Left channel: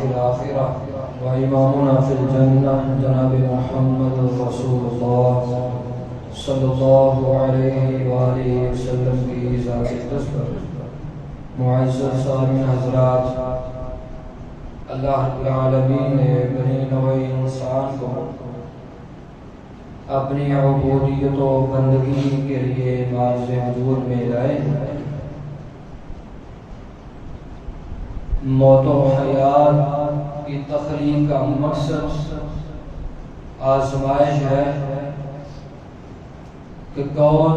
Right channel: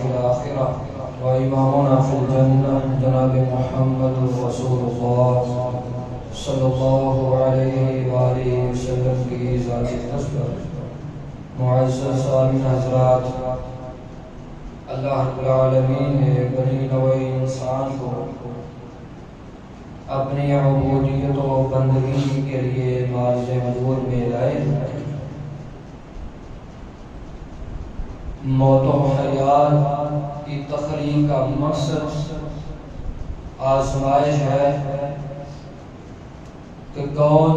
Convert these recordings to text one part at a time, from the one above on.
في الآخرة وإمامنا في الجنة جناب محمد رسول الله صلی اللہ علیہ وآلہ وسلم کی ذات اقدس پر معزز سامعین حضرات، اللہ رب العالمین نے بنی نوع انسان کو اپنی عبودیت و بندگی کے لیے معرض حضور میں لائے۔ موت و حیات کی تخلیق کا مقصد آزمائش ہے کہ کون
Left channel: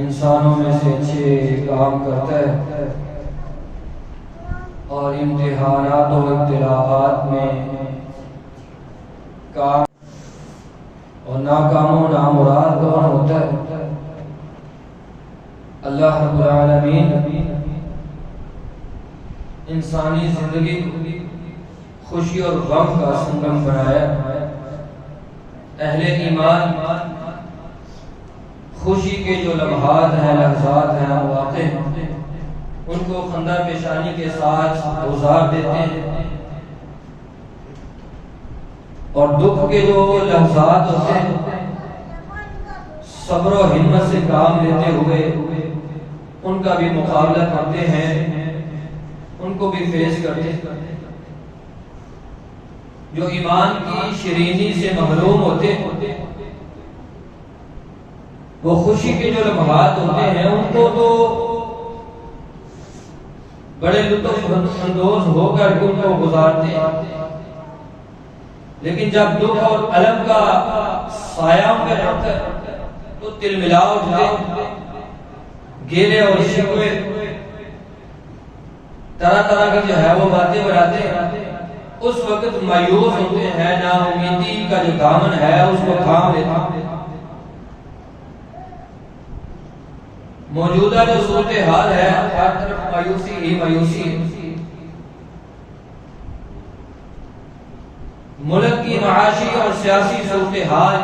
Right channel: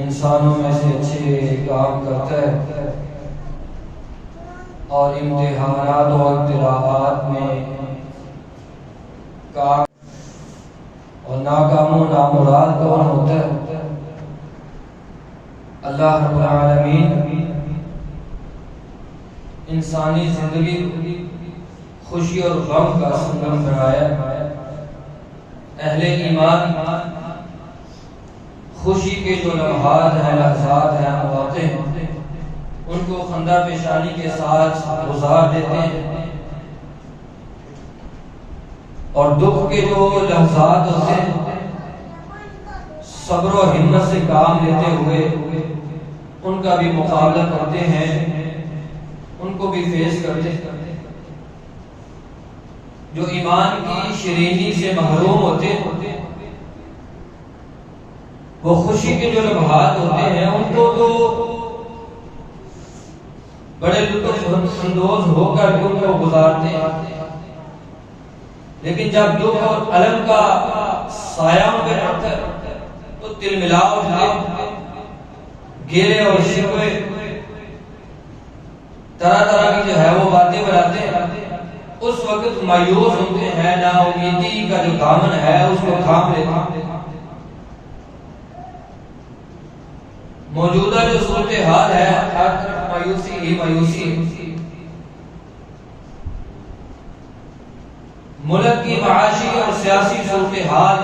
انسانوں میں سے اچھے کام کرتا ہے، اور امتحانات و ابتلاءات میں کام اور ناکام و نامراد کون ہوتا ہے۔ اللہ رب العالمین انسانی زندگی خوشی اور غم کا سنگم بنایا۔ اہل ایمان خوشی کے جو لمحات ہیں، لحظات ہیں، مواقع ہیں، ان کو خندہ پیشانی کے ساتھ گزار دیتے ہیں، اور دکھ کے جو لحظات ہوتے ہیں صبر و ہمت سے کام لیتے ہوئے ان کا بھی مقابلہ کرتے ہیں، ان کو بھی فیس کرتے ہیں۔ جو ایمان کی شیرینی سے محروم ہوتے ہیں، وہ خوشی کے جو لمحات ہوتے ہیں ان کو تو بڑے لطف اندوز ہو کر ان کو گزارتے ہیں، لیکن جب دکھ اور الم کا سایہ ان پہ پڑتا ہے تو تلملا اٹھتے ہیں، گیلے اور شکوے طرح طرح کی جو ہے وہ باتیں بناتے ہیں۔ اس وقت مایوس ہوتے ہیں، نا امیدی کا جو دامن ہے اس کو تھام لیتے ہیں۔ موجودہ جو صورتحال ہے ہر طرف مایوسی ہی مایوسی ہے۔ ملک کی معاشی اور سیاسی صورتحال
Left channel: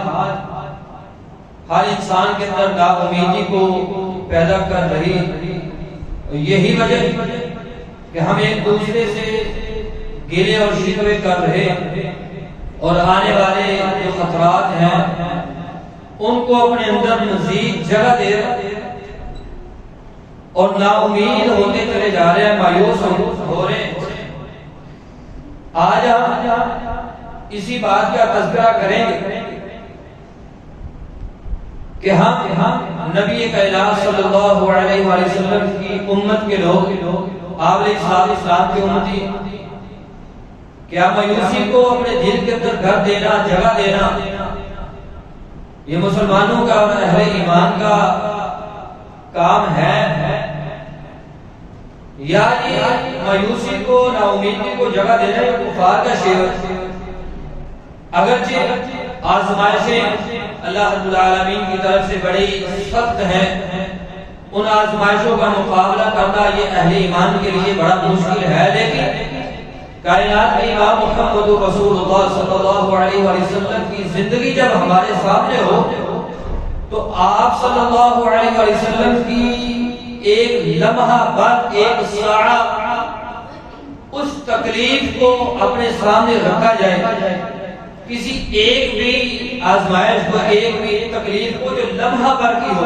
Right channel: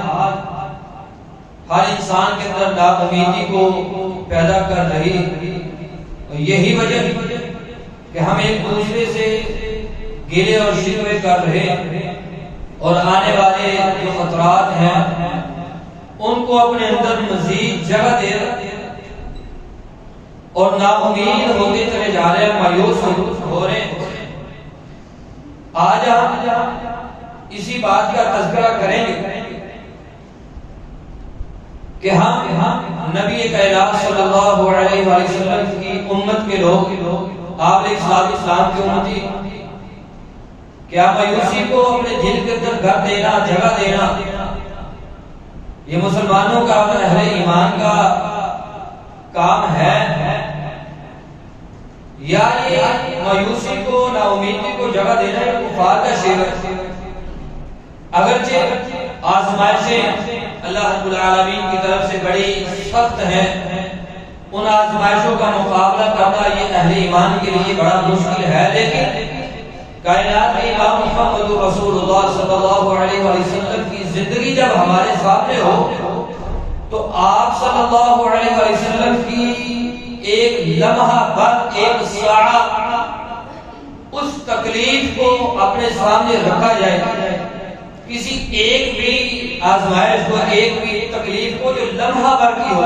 ہر انسان کے اندر نا امیدی کو پیدا کر رہی ہے۔ یہی وجہ کہ ہم ایک دوسرے سے گلے اور شکوے کر رہے اور آنے والے جو خطرات ہیں ان کو اپنے اندر مزید جگہ دے رہے اور نا امید ہوتے چلے جا رہے ہیں، مایوس ہو رہے ہیں۔ آج ہم اسی بات کا تذکرہ کریں گے کہ ہم نبی کائنات صلی اللہ علیہ وسلم کی امت کے لوگ، آپ علیہ السلام کی امتی، کیا مایوسی کو اپنے دل کے اندر گھر دینا، جگہ دینا، یہ مسلمانوں کا، اہل ایمان کا کام ہے، یا یہ مایوسی کو، نا امیدی کو جگہ دینا ہے کفار کا شعر؟ اگرچہ آزمائشیں اللہ رب العالمین کی طرف سے بڑی سخت ہیں، ان آزمائشوں کا مقابلہ کرنا یہ اہل ایمان کے لیے بڑا مشکل ہے، لیکن کائنات کے امام محمد رسول اللہ صلی اللہ علیہ وسلم کی زندگی جب ہمارے سامنے ہو تو آپ صلی اللہ علیہ وسلم کی ایک لمحہ بعد ایک ساعہ اس تکلیف کو اپنے سامنے رکھا جائے، کسی ایک بھی آزمائش کو، ایک بھی تکلیف کو جو لمحہ بھر کی ہو،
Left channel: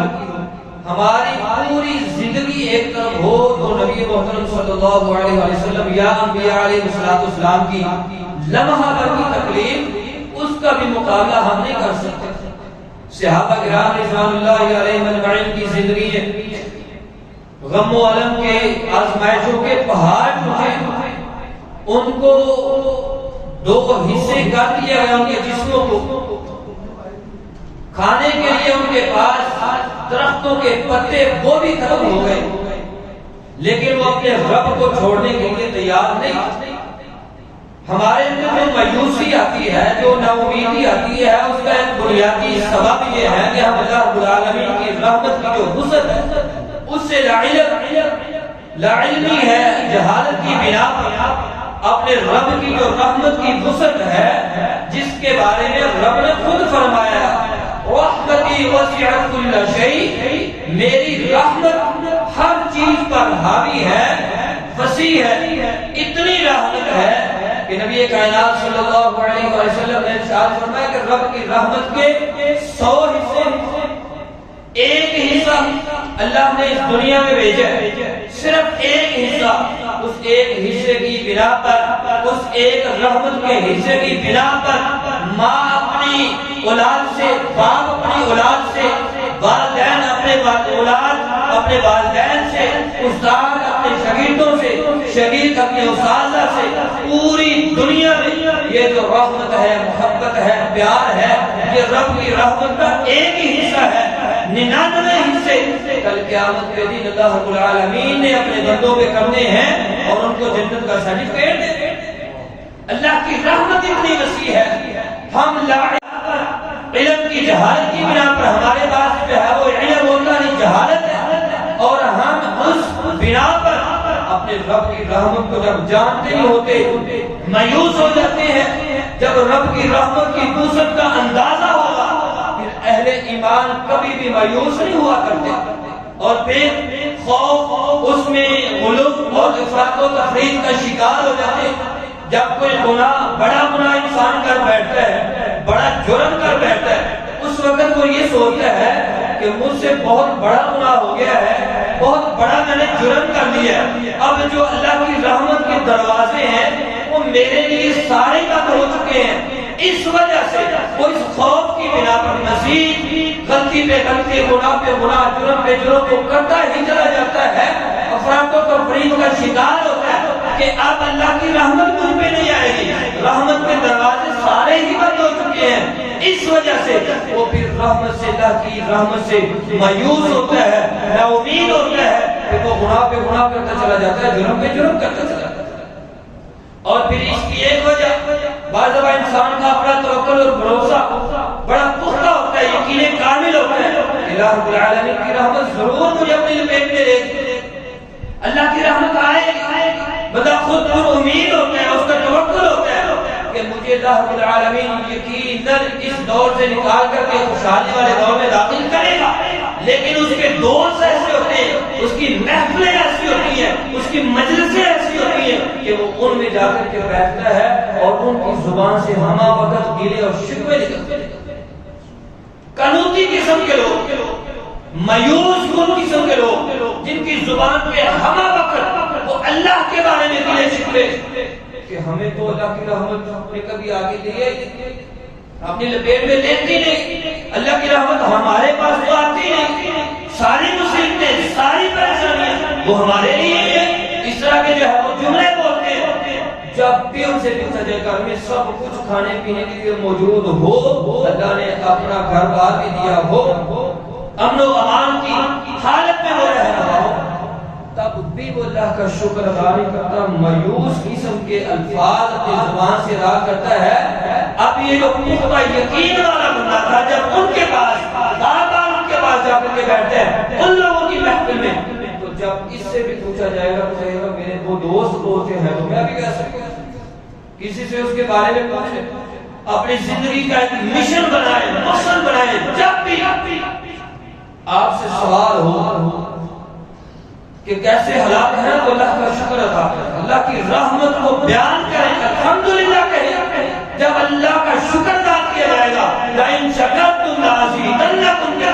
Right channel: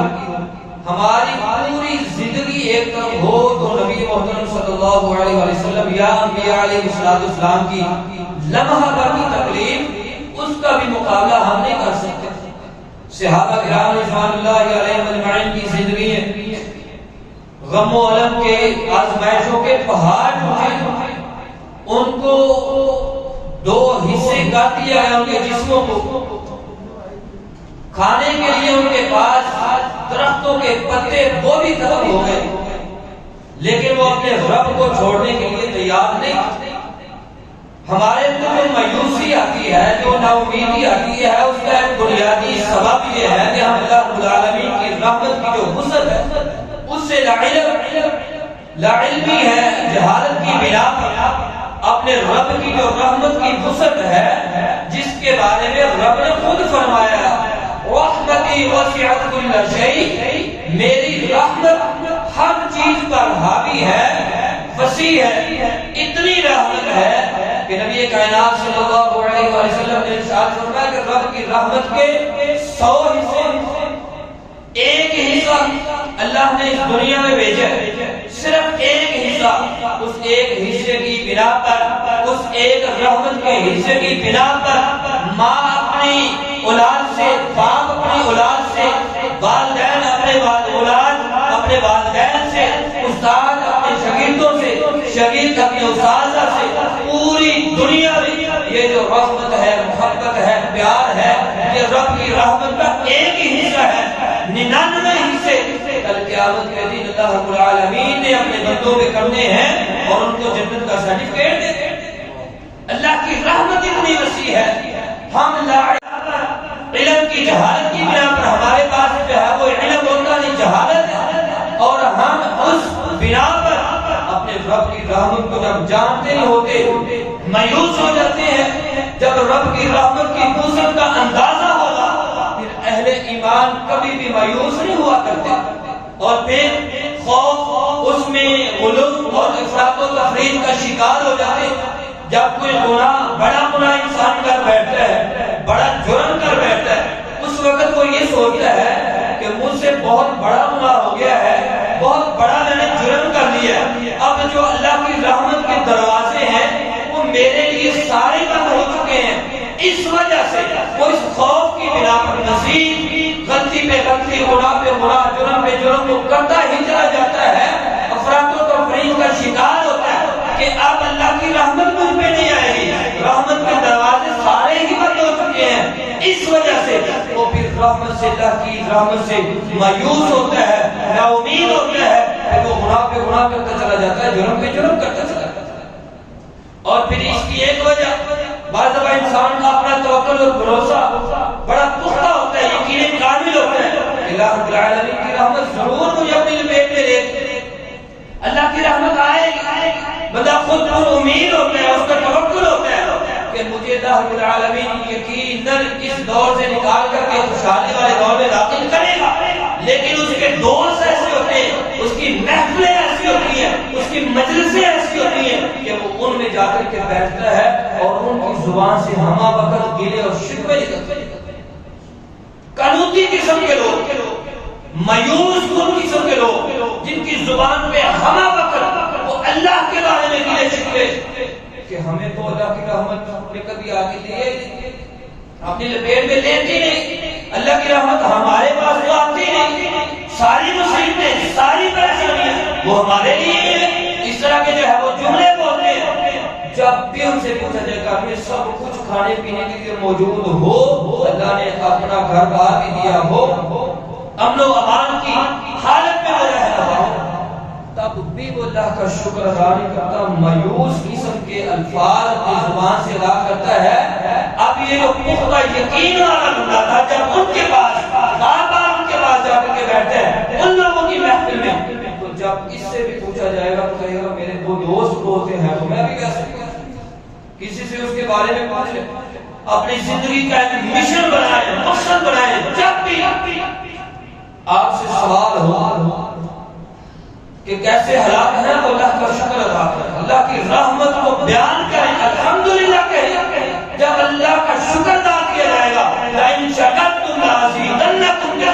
ہماری پوری زندگی ایک طرف ہو تو نبی محترم صلی اللہ علیہ وسلم یا انبیاء علیہ السلام کی لمحہ بھر کی تکلیف، اس کا بھی مقابلہ ہم نہیں کر سکتے۔ صحابہ کرام رضوان اللہ علیہم اجمعین کی زندگی ہے، غم و الم کے، آزمائشوں کے پہاڑ ٹوٹے، ان کو دو حصے کر دیا گیا، ان کے جسموں کو کھانے کے لیے ان کے پاس درختوں کے پتے وہ بھی ختم ہو گئے، لیکن وہ اپنے رب کو چھوڑنے کے لیے تیار نہیں۔ ہمارے اندر جو مایوسی آتی ہے، جو نا امیدی آتی ہے، اس کا ایک بنیادی سبب یہ ہے کہ ہم اللہ رب العالمین کی رحمت کی جو وسعت ہے اس سے لاعلمی ہے، جہالت کی بنا پر اپنے رب کی جو رحمت کی وسعت ہے، جس کے بارے میں رب نے خود فرمایا رحمتی وسعت کل شیء، میری رحمت ہر چیز پر حاوی ہے، وسیع ہے، اتنی رحمت ہے کہ نبی کائنات صلی اللہ علیہ وسلم نے ارشاد فرمایا کہ رب کی رحمت کے 100 حصے، ایک حصہ اللہ نے اس دنیا میں بھیجا ہے، صرف ایک حصہ، اس ایک حصے کی بنا پر، اس ایک رحمت کے حصے کی بنا پر ماں اپنی اولاد سے، باپ اپنی اولاد سے، والدین اپنے اولاد اپنے والدین سے، استاد اپنے شاگردوں سے، شاگرد اپنے اساتذہ سے، پوری دنیا میں یہ جو رحمت ہے، محبت ہے، پیار ہے، یہ رب کی رحمت کا ایک ہی حصہ ہے۔ 99 حصے کل قیامت کے دن اللہ رب العالمین نے اپنے بندوں پہ کرنے ہیں اور ان کو جنت کا سرٹیفکیٹ دے دیں۔ اللہ کی رحمت اتنی وسیع ہے، ہم لا علم کی جہالت کی بنا پر ہمارے پاس جو ہے وہ علم ہوتا نہیں، جہالت ہے، اور ہم اس بنا پر اپنے رب کی رحمت کو جب جانتے نہیں ہوتے مایوس ہو جاتے ہیں۔ جب رب کی رحمت کی وسعت کا اندازہ ہوگا پھر اہل ایمان کبھی بھی مایوس نہیں ہوا کرتے، اور پھر خوف اس میں غلو اور افراط و تفریط کا شکار ہو جاتے ہیں۔ جب کوئی گناہ، بڑا گناہ انسان کر بیٹھتا ہے، بڑا جرم کر بیٹھتا ہے، اس وقت وہ یہ سوچتا ہے کہ مجھ سے بہت بڑا گناہ ہو گیا ہے، بہت بڑا میں نے جرم کر لیا، اب جو اللہ کی رحمت کے دروازے ہیں وہ میرے لیے سارے بند ہو چکے ہیں۔ اس وجہ سے وہ اس خوف کی بنا پر مزید غلطی پہ غلطی، گناہ پہ گناہ، جرم پہ جرم کو کرتا ہی چلا جاتا ہے، افراط و تفریط کا شکار ہوتا ہے کہ اب اللہ کی رحمت مجھ پہ نہیں آئے گی، رحمت کے دروازے سارے ہی بند ہو چکے ہیں۔ اس وجہ سے وہ پھر رحمت سے، اللہ کی رحمت سے مایوس ہوتا ہے، نا امید ہوتا ہے، کہ وہ گناہ پہ گناہ کرتا چلا جاتا ہے، جرم پہ جرم کرتا چلا جاتا ہے۔ اور پھر اس کی ایک وجہ، بعض دفعہ انسان کا اپنا توکل اور بھروسہ بڑا پختہ ہوتا ہے، یقین کامل ہوتا ہے کہ اللہ رب العالمین کی رحمت ضرور مجھے اپنی لپیٹ میں لے گی، اللہ کی رحمت آئے گی۔ بندہ خود پر امید ہوتا ہے، اس کا توکل ہوتا ہے کہ مجھے اللہ رب العالمین یقیناً اس دور سے نکال کر کے خوشحالی والے دور میں داخل کرے گا، لیکن اس کے دوست ایسے ہوتے ہیں، اس کی محفلیں ایسی ہوتی ہیں، اس کی مجلسیں ایسی ہوتی ہیں کہ وہ ان میں جا کر کے بیٹھتا ہے اور ان کی زبان سے ہمہ وقت گلے اور شکوے نکلتے ہیں۔ قنوطی قسم کے لوگ، مایوس کن قسم کے لوگ، جن کی زبان پہ ہمہ وقت وہ اللہ کے بارے میں گلے شکوے کہ ہمیں تو اللہ کی رحمت نے کبھی آگے لیا ہی نہیں، اپنی لپیٹ میں لیتی نہیں، اللہ کی رحمت ہمارے پاس تو آتی نہیں، ساری مصیبتیں، ساری پریشانیاں وہ ہمارے لیے ہیں، اس طرح کے جو ہے وہ جملے بولتے ہیں۔ جب بھی ان سے پوچھا جائے گھر میں سب کچھ کھانے پینے کے لیے موجود ہو، اللہ نے اپنا گھر بار بھی دیا ہو، امن و امان کی حالت میں وہ رہ رہا ہو، تب بھی وہ اللہ کا شکر ادا نہیں کرتا، مایوس قسم کے الفاظ اپنی زبان سے ادا کرتا ہے۔ اب یہ جو پختہ یقین والا بندہ تھا، جب ان کے پاس بار بار ان کے پاس جا کر کے بیٹھتے ہیں ان لوگوں کی محفل میں، تو جب اس سے بھی پوچھا جائے گا تو کہے گا میرے وہ دوست ہوتے ہیں تو میں بھی ویسے کسی سے اس کے بارے میں پوچھے، اپنی زندگی کا ایک مشن بنائے، مقصد بنائے، جب بھی آپ سے سوال ہو کہ کیسے حالات ہیں تو اللہ کا شکر ادا کریں، اللہ کی رحمت کو بیان کریں، الحمدللہ کہیں۔ جب اللہ کا شکر ادا کیا جائے گا، لَإِن شَكَرْتُمْ لَأَزِيدَنَّكُمْ کے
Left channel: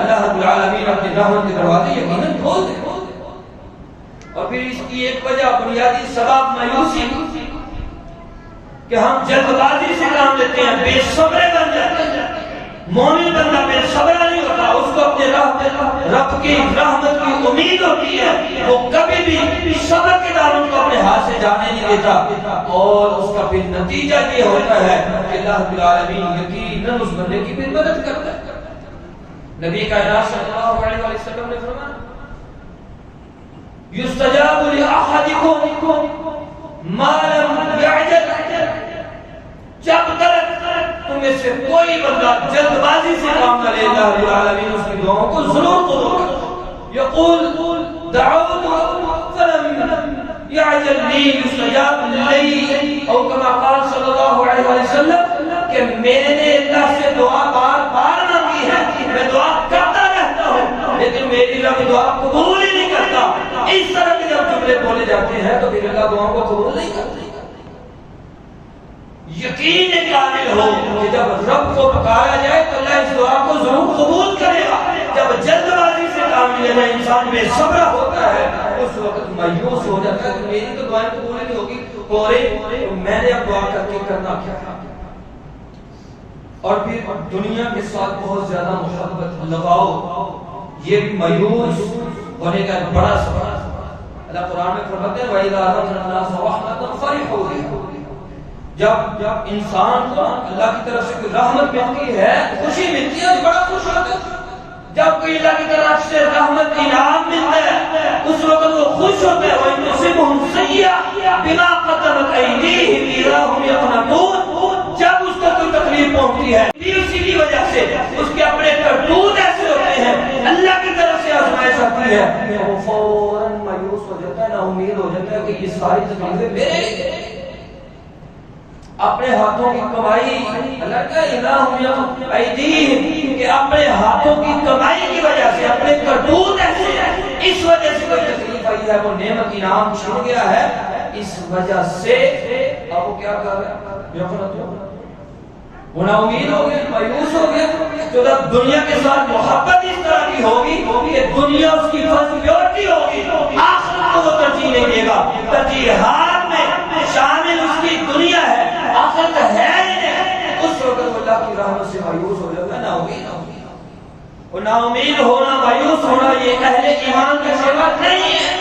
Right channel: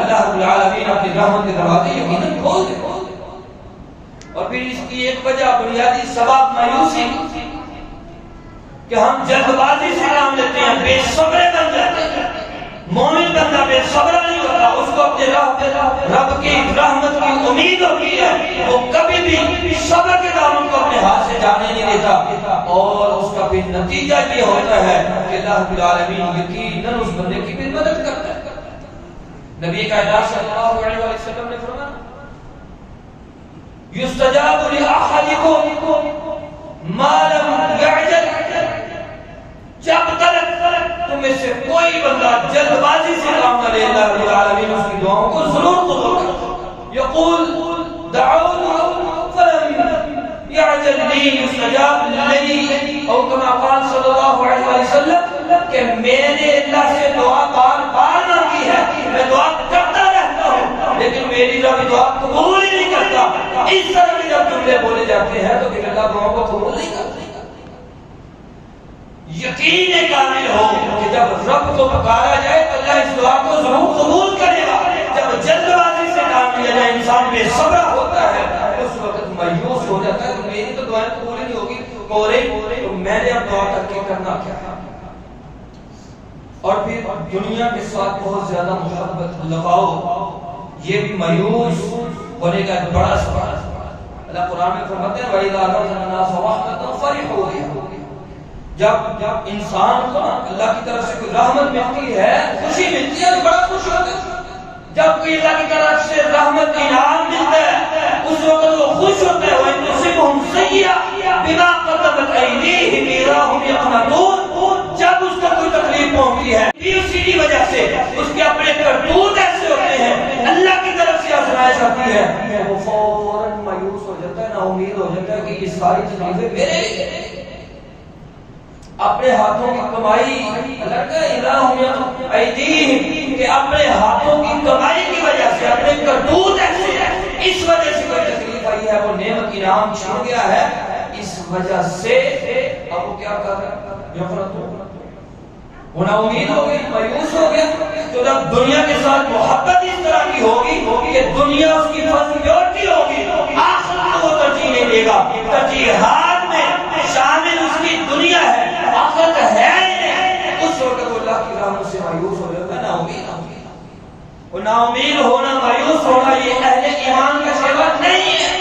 اللہ رب العالمین اپنی رحمت کے دروازے یقیناً کھول دے۔ اور پھر اس کی ایک وجہ، بنیادی سبب مایوسی کہ ہم جلد بازی سے کام لیتے ہیں، بے صبرے بن جاتے ہیں۔ مومن بندہ بے صبر نہیں ہوتا، اس کو اپنے رب کی رحمت کی امید ہوتی ہے، وہ کبھی بھی صبر کے دامن کو اپنے ہاتھ سے جانے نہیں دیتا، اور اس کا بھی نتیجہ یہ ہوتا ہے کہ اللہ رب العالمین یقیناً اس بندے کی بھی مدد کرتا ہے۔ نبی کائنات صلی اللہ علیہ وسلم نے فرمایا یستجاب لأحدکم ما لم یعجل، جب تک تم میں سے کوئی بندہ جلد بازی سے کام نہ لے، اللہ رب العالمین اس کی دعاؤں کو ضرور قبول کرتا ہے۔ یقول دعوت فلم یعجل لی یستجاب لی، او کما قال صلی اللہ علیہ وسلم کہ میں نے اللہ سے دعا بار بار مانگی ہے، میں دعا کرتا رہتا ہوں لیکن میری رب دعا قبول ہی نہیں کرتا۔ اس طرح کی جب جملے بولے جاتے ہیں تو پھر اللہ دعاؤں کو قبول نہیں کرتا۔ یقین کامل ہو کہ جب رب کو پکارا جائے تو اللہ اس دعا کو ضرور قبول کرے گا۔ جب جلد بازی سے کام لیا جائے، انسان بے صبر ہوتا ہے، اس وقت مایوس ہو جاتا ہے کہ میری تو دعائیں قبول نہیں ہوگی، اور میں نے اب دعا کر کے کرنا کیا ہے۔ اور پھر دنیا کے ساتھ بہت زیادہ محبت لگاؤ، یہ بھی مایوس ہونے کا ایک بڑا سبب ہے۔ اللہ قرآن میں فرماتے ہیں وَإِذَا أَذَقْنَا النَّاسَ رَحْمَةً فَرِحُوا بِهَا، جب انسان کو اللہ کی طرف سے کوئی رحمت ملتی ہے، خوشی ملتی ہے، بڑا خوش ہوتا ہے۔ جب کوئی اللہ کی طرف سے رحمت انعام ملتا ہے، اس وقت وہ خوش ہوتا ہے۔ وَإِن تُصِبْهُمْ سَيِّئَةٌ بِمَا قَدَّمَتْ أَيْدِيهِمْ إِذَا هُمْ يَقْنَطُونَ، جب اس کو کوئی تکلیف پہنچتی ہے اسی کی وجہ سے اس کے اپنے کرتوت ایسے ہوتے ہیں، اللہ کی طرف سے آزمائش آتی ہے، وہ فوراً مایوس ہو جاتا ہے، نا امید ہو جاتا ہے کہ یہ ساری تکلیفیں میرے لیے۔ اپنے ہاتھوں کی کمائی، اللہ کا الہم ایدیہم، کہ اپنے ہاتھوں کی کمائی کی وجہ سے اپنے کرتوت ایسے ہیں، اس وجہ سے کوئی تکلیف آئی ہے، وہ نعمت انعام چھن گیا ہے، اس وجہ سے اب وہ کیا کر رہا ہے؟ وہ نا امید ہو گئی، مایوس ہو گیا۔ تو جب دنیا کے ساتھ محبت اس طرح کی ہوگی کہ دنیا اس کی پرائیورٹی ہوگی، آخرت کو وہ ترجیح نہیں دے گا۔ ترجیحات میں شامل اس کی دنیا ہے، آخرت ہے ہی نہیں، اس وقت وہ اللہ کی رحمت سے مایوس ہو جاتا ہے، نا امید ہو گیا۔ اور نا امید ہونا، مایوس ہونا، یہ اہل ایمان کا شیوا نہیں ہے۔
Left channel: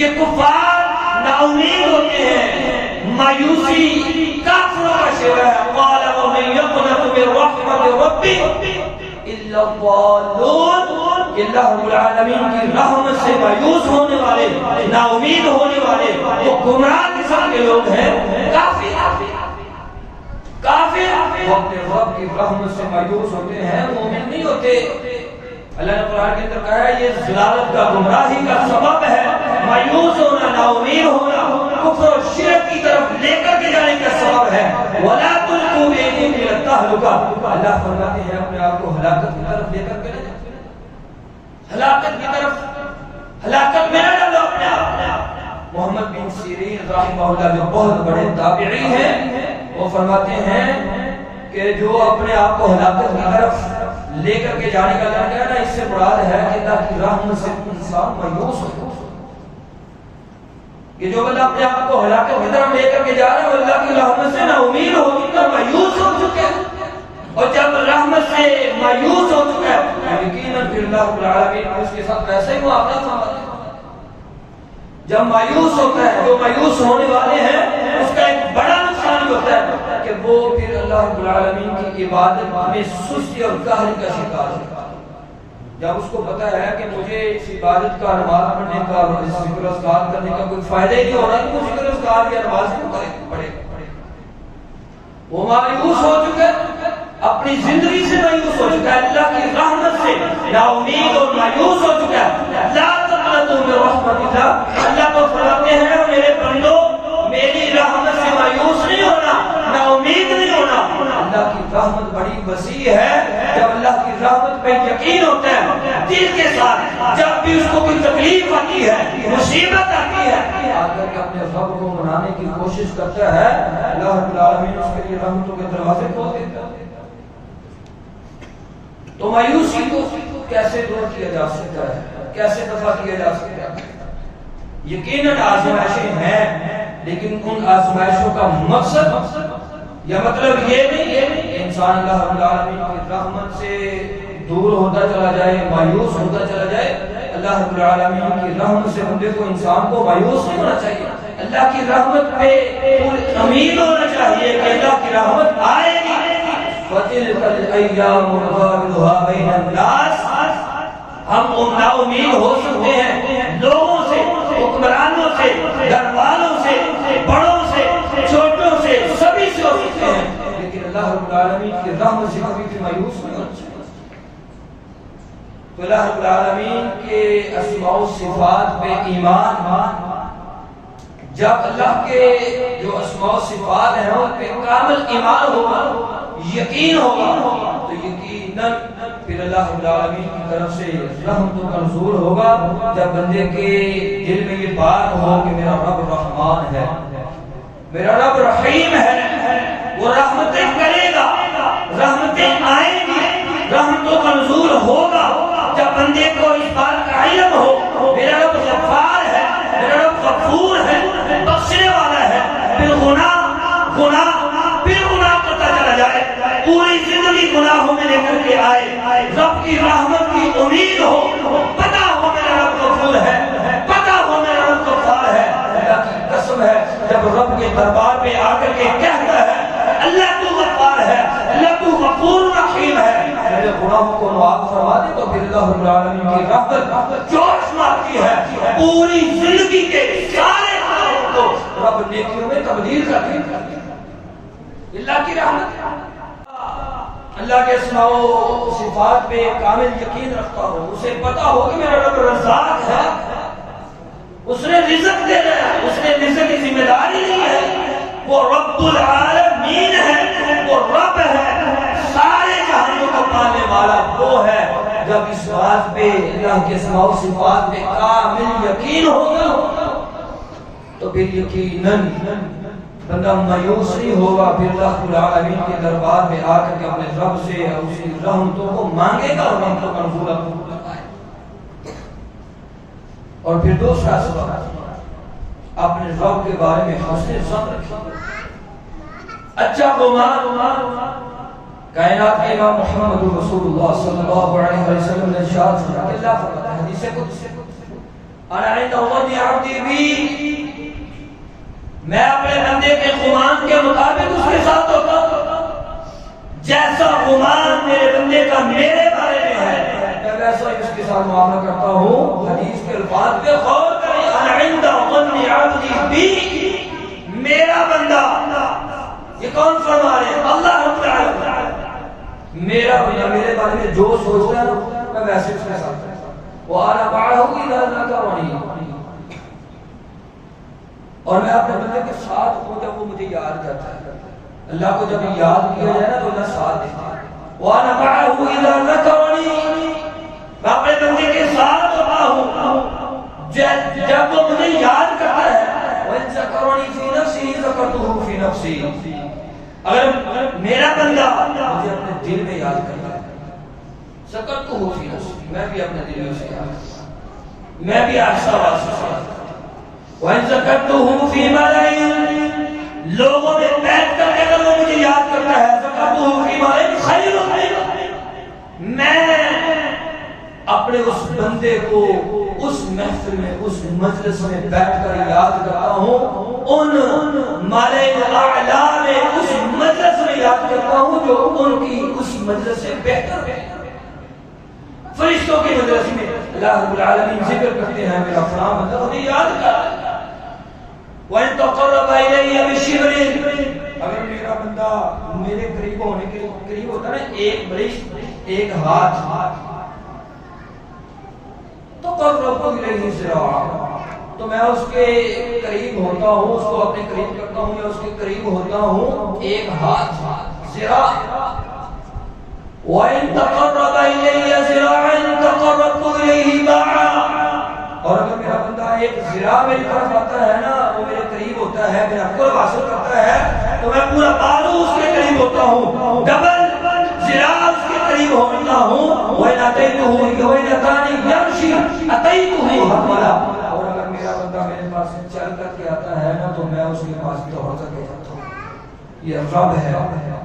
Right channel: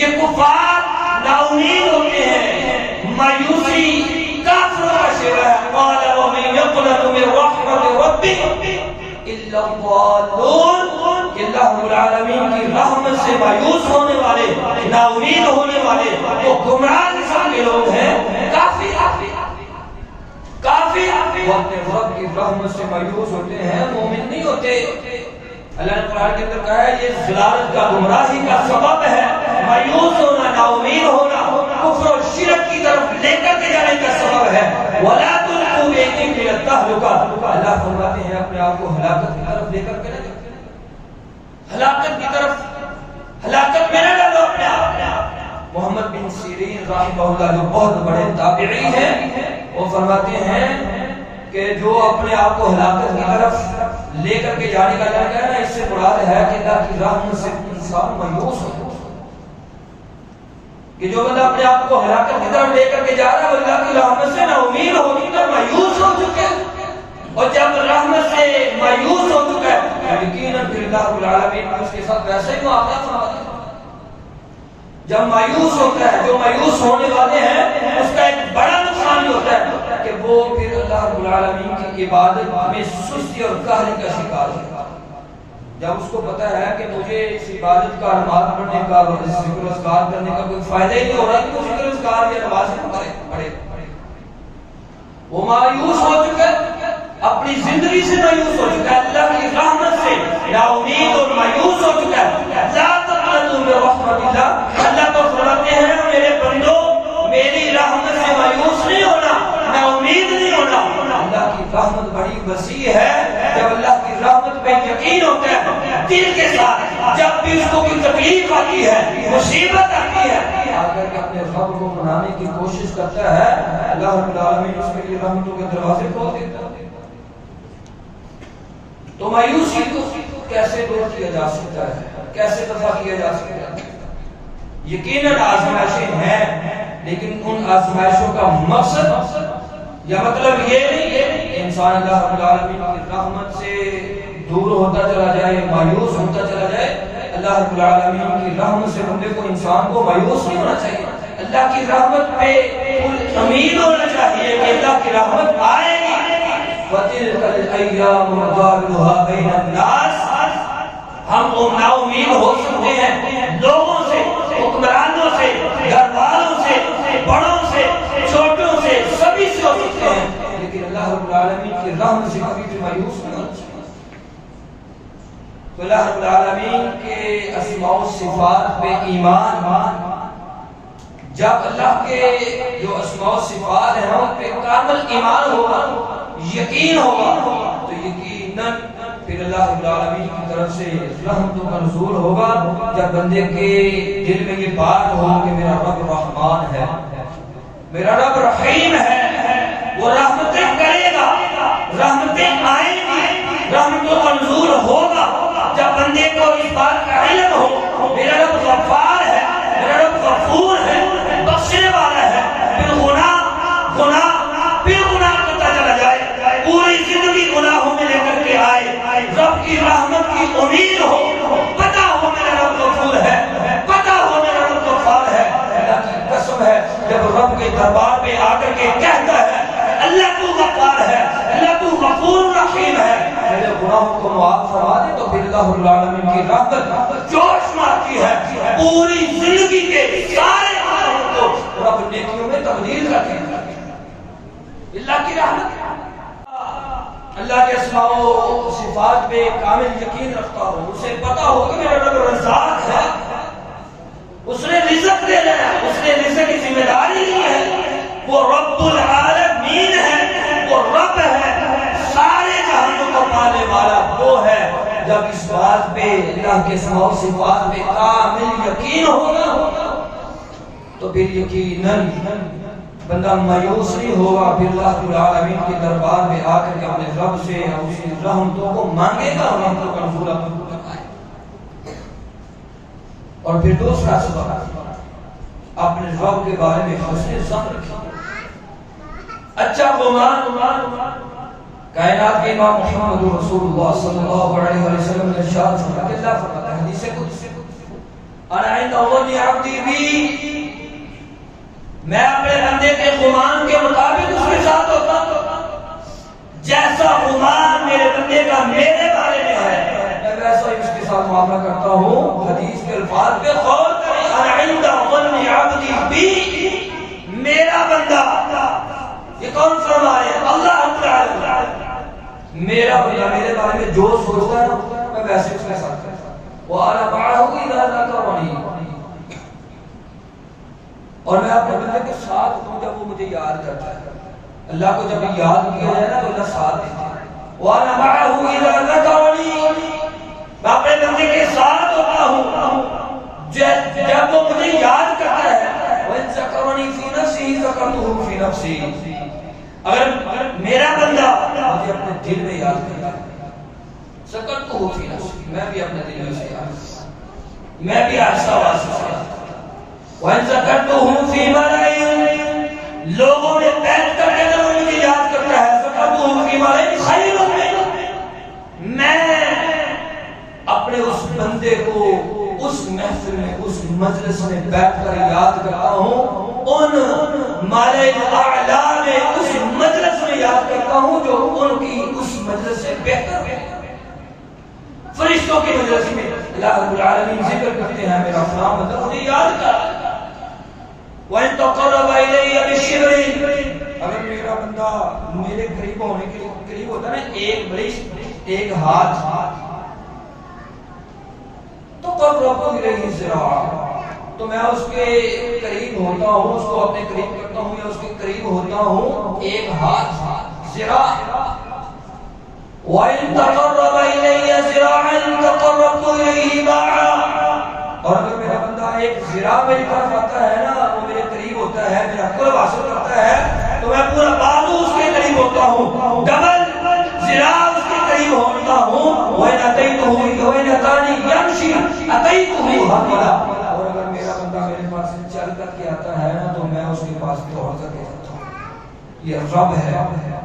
یہ کفار نا امید ہوتے ہیں، مایوسی کافروں کا شیوا ہے۔ قال ومن يقنط من رحمت ربه الا الضالون، کہ اللہ رب العالمین کی رحمت سے مایوس ہونے والے، نا امید ہونے والے، وہ گمراہ قسم کے لوگ ہیں، کافر وہ اپنے رب کی رحمت سے مایوس ہوتے ہیں، مومن نہیں ہوتے۔ اللہ نے قرآن کے اندر کہا ہے یہ ضلالت کا، گمراہی کا سبب ہے، مایوس ہونا، نا امید ہونا، کفر و شرک کی طرف لے کر کے جانے کا سبب ہے۔ وَلَا تُلْقُوا بِأَيْدِيكُمْ إِلَى التَّهْلُكَةِ، اللہ فرماتے ہیں اپنے آپ کو ہلاکت کی طرف لے کر کے نہ جاؤ، ہلاکت کی طرف، ہلاکت میں نہ ڈالو اپنے آپ۔ محمد بن سیرین رحمہ اللہ جو بہت بڑے تابعی ہیں، وہ فرماتے ہیں کہ جو اپنے آپ کو ہلاکت کی طرف لے کر کے جانے کا لڑکا ہے نا، اس سے مراد ہے کہ اللہ کی رحمت سے انسان مایوس ہوتا ہے، کہ جو بندہ اپنے آپ کو ہلاکت کی طرف لے کر کے جا رہا ہے وہ اللہ کی رحمت سے نا امید ہو کر مایوس ہو چکا ہے، اور جب رحمت سے مایوس ہو چکا ہے یقیناً پھر اللہ رب العالمین اس کے ساتھ ویسے ہی معاملہ فرماتے ہیں۔ جب مایوس ہوتا ہے، جو مایوس ہونے والے ہیں، اس کا ایک بڑا نقصان یہ ہوتا ہے کہ وہ پھر اللہ رب العالمین کی عبادت میں سستی اور قہر کا شکار ہے۔ جب اس کو پتا ہے کہ مجھے اس عبادت کا، نماز پڑھنے کا، ذکر و اذکار کرنے کا کوئی فائدہ ہی نہیں ہو رہا کہ وہ ذکر و اذکار یا نماز پڑھے، وہ مایوس ہو چکا ہے، اپنی زندگی سے مایوس ہو چکا ہے، اللہ کی رحمت سے نا امید اور مایوس ہو چکا ہے۔ لا تقنطوا من رحمت اللہ، اللہ تو فرماتے ہیں میرے بندو میری رحمت سے مایوس نہیں ہونا، نا امید نہیں ہونا۔ اللہ کی رحمت بڑی وسیع ہے، جب اللہ کی رحمت پہ یقین ہوتا ہے دل کے ساتھ، جب بھی اس کو کوئی تکلیف آتی ہے، مصیبت آتی ہے، آ کر کے اپنے رب کو منانے کی کوشش کرتا ہے، اللہ رب العالمین اس کے لیے رحمتوں کے دروازے کھول دیتا ہے۔ تو مایوسی کو کیسے دور کیا جا سکتا ہے، کیسے دفع کیا جا سکتا ہے؟ یقیناً آزمائشیں ہیں، لیکن ان آزمائشوں کا مقصد یا مطلب یہ نہیں ہے کہ انسان اللہ رب العالمین کی رحمت سے دور ہوتا چلا جائے، مایوس ہوتا چلا جائے۔ اللہ رب العالمین کی رحمت سے بندے کو، انسان کو مایوس نہیں ہونا چاہیے، اللہ کی رحمت پہ امید ہونا چاہیے کہ اللہ کی رحمت آئے گی۔ وَتِلْكَ الْأَيَّامُ نُدَاوِلُهَا بَيْنَ النَّاسِ، ہم نا امید ہو سکتے ہیں لوگوں سے، حکمرانوں سے، گھر والوں سے، بڑوں سے، چھوٹوں سے، سبھی سے ہو سکتے ہیں، لیکن اللہ رب العالمین کی رحمت سے کبھی بھی مایوس نہیں ہونا چاہیے۔ تو اللہ رب العالمین کے اسماء و صفات پہ ایمان، جب اللہ کے جو اسماء و صفات ہیں ان پہ کامل ایمان ہوگا، یقین ہوگا، تو یقیناً پھر اللہ رب العالمین کی طرف سے رحمتوں کا نزول ہوگا جب بندے کے دل میں یہ بات ہو کہ میرا رب رحمان ہے، میرا رب رحیم ہے، وہ رحمتیں کرے گا، رحمتیں آئیں گی، رحمتوں کا نزول ہوگا جب بندے کو اس بات کا علم ہو میرا رب غفار ہے، میرا رب غفور ہے، بخشنے والا ہے، پھر گناہ کرتا چلا جائے، پوری زندگی گناہوں میں لے کر کے آئے، رب کی رحمت کی امید ہو، پتہ ہو میرا رب غفور ہے، پتہ ہو میرا رب غفار ہے۔ اللہ کی قسم ہے جب رب کے دربار پہ آ کر کے کہتا ہے اللہ تو غفار ہے، اللہ تو غفور رحیم ہے، میرے گناہوں کو معاف فرما دے، تو پھر اللہ رب العالمین کی رحمت جوش مارتی ہے، پوری زندگی کے سارے کاموں کو رب نیکیوں میں تبدیل کر دیتا ہے۔ اللہ کی رحمت، اللہ کے اسماء و صفات پہ کامل یقین رکھتا ہو، اسے پتا ہو کہ میرا رب رزاق ہے، اس نے رزق دینا ہے، اس نے رزق کی ذمہ داری لی ہے، وہ رب العالمین ہے، وہ رب ہے، سارے جہانوں کو پالنے والا وہ ہے۔ جب اس بات پہ اللہ کے اسماء و صفات پہ کامل یقین ہوگا تو پھر یقیناً بندہ مایوس نہیں ہوگا، پھر اللہ العالمین کے دربار میں آ کر کے اپنے رب سے اور اس کی رحمتوں کو مانگے گا اور رحمتوں کا نزول کروائے۔ اور پھر دوسرا سبب اپنے رب کے بارے میں حسن ظن رکھیں، اچھا گمان۔ کائنات کے امام محمد رسول اللہ صلی اللہ علیہ وسلم نے ارشاد فرمایا کہ اللہ فرماتا ہے حدیث قدسی، انا عند ظن عبدی بی، میں اپنے بندے کے گمان کے مطابق اس کے ساتھ ہوتا ہوں، جیسا گمان میرے بندے کا میرے بارے میں ہے میں ویسا ہی اس کے ساتھ معاملہ کرتا ہوں۔ حدیث کے الفاظ پہ غور کریں، انا عند ظن عبدی بی، میرا بندہ، یہ کون فرما رہے ہیں؟ اللہ رب العالمین، میرا بندہ میرے بارے میں جو سوچتا ہے میں ویسے اس کے ساتھ کرتا ہوں، وَأَنَا مَعَهُ إِذَا ذَكَرَنِي، اور میں اپنے بندے کے ساتھ ہوتا ہوں جب وہ مجھے یاد کرتا ہے۔ اللہ کو جب یاد کیا جائے نا تو اللہ ساتھ دیتا ہے۔ وَأَنَا مَعَهُ إِذَا ذَكَرَنِي، میں اپنے بندے کے ساتھ ہوتا ہوں جب وہ مجھے یاد کرتا ہے۔ وَإِن ذَكَرَنِي فِي نَفْسِهِ ذَكَرْتُهُ فِي نَفْسِي، اگر میرا بندہ مجھے اپنے دل میں یاد کرتا ہے، ذَكَرْتُهُ فِي نَفْسِي، میں بھی اپنے دل میں اسے یاد کرتا ہوں، میں بھی آہستہ آہستہ سے یاد کرتا ہوں۔ وَإِن ذَكَرْتُهُ فِي مَلَئٍ، لوگوں میں بیٹھ کر کے اگر وہ مجھے یاد کرتا ہے، ذَكَرْتُهُ فِي مَلَئٍ خَيْرٌ مِّنْهُ، میں اپنے اس بندے کو اس محفل میں اس مجلس میں بیٹھ کر یاد کرتا ہوں، ان ملائک اعلیٰ میں اس مجلس میں یاد کرتا ہوں جو ان کی اس مجلس سے بہتر ہے۔ فرشتوں کی مجلس میں اللہ رب العالمین ذکر کرتے ہیں میرا فلاں بندہ مجھے یاد کر۔ وَإِن تَقَرَّبَ إِلَيَّ بِشِبْرٍ، اگر میرا بندہ میرے قریب ہونے کے لیے قریب ہوتا ہے نا، ایک بڑی ایک ہاتھ، تو قرب الیہ ذراعا، تو میں اس کے قریب ہوتا ہوں، اس کو اپنے قریب کرتا ہوں یا اس کے قریب ہوتا ہوں ایک ہاتھ، ذراع۔ وَإِن تَقَرَّبَ إِلَيَّ ذِرَاعًا تَقَرَّبْتُ إِلَيْهِ بَاعًا، اور اگر میرا بندہ ایک ذراع میری طرف آتا ہے نا، وہ میرے قریب ہوتا ہے، میرا قرب حاصل کرتا ہے، تو میں پورا بازو اس کے قریب ہوتا ہوں، ڈبل ذراع اس کے قریب ہوتا ہوں۔ وَإِنْ أَتَيْتُهُ وَإِنْ أَتَانِي يَمْشِي أَتَيْتُهُ هَرْوَلًا، اور اگر میرا بندہ میرے پاس چل کر کے آتا ہے نا تو میں اس کے پاس دوڑ کر کے جاتا ہوں۔ یہ رب ہے،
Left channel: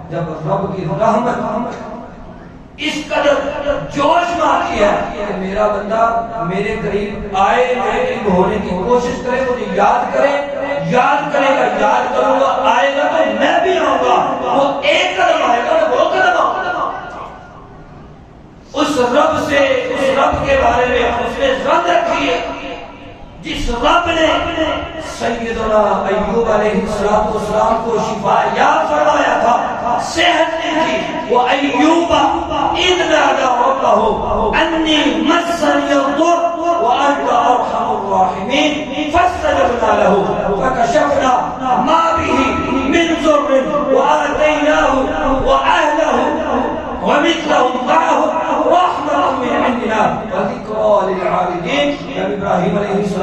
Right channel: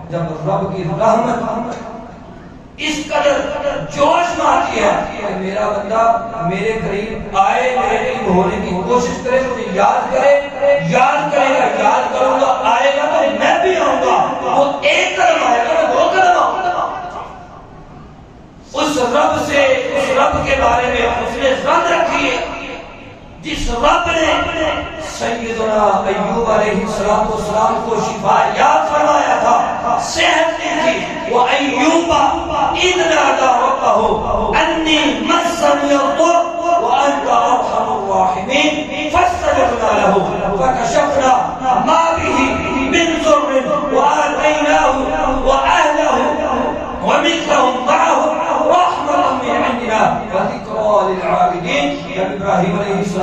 جب رب کی رحمت اس قدر جوش مارتی ہے کہ میرا بندہ میرے قریب آئے، میرے قریب ہونے کی کوشش کرے، مجھے یاد کرے، یاد کرے گا، یاد کروں گا، آئے گا تو میں بھی آؤں گا، وہ ایک قدم آئے گا میں دو قدم آؤں گا۔ اس رب سے، اس رب کے بارے میں اس نے ظن رکھی ہے جس رب نے سیدنا ایوب علیہ السلام کو شفا یاب فرمایا تھا، صحت دی تھی۔ وَأَيُّوبَ إِذْ نَادَىٰ رَبَّهُ أَنِّي مَسَّنِيَ الضُّرُّ وَأَنْتَ أَرْحَمُ الرَّاحِمِينَ فَاسْتَجَبْنَا لَهُ فَكَشَفْنَا مَا بِهِ مِنْ ضُرٍّ وَآتَيْنَاهُ وَأَهْلَهُ وَمِثْلَهُم مَّعَهُمْ